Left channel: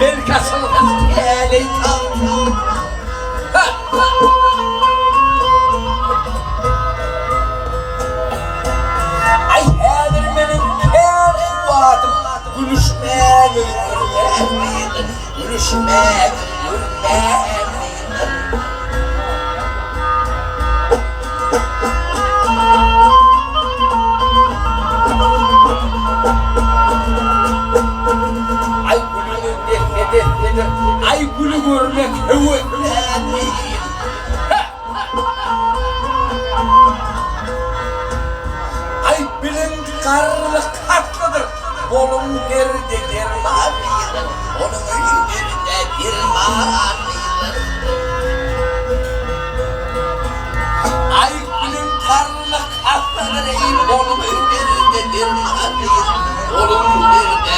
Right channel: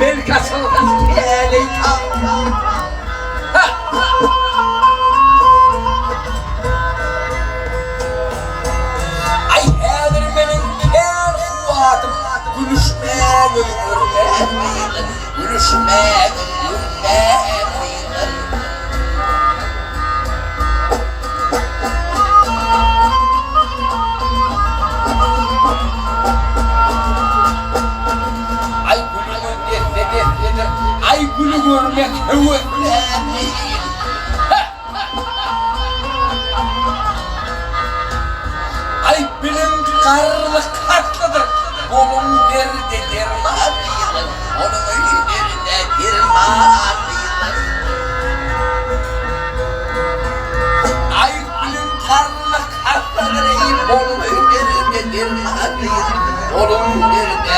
Ben kasıldım eli tam. Ay hedirmenin her suatım gülüşme gülürmeydi. Gülüşme gülürmeydi. Ay gülümün defnedir. Ay gülü görmek hüvvetlenmeyin. Ay bilim karlı katlıdır. Bolun nerede dermanıydı. Onun nerede dermanıydı. Ay bilim karlı katlıdır. Bolun nerede dermanıydı. Bolun nerede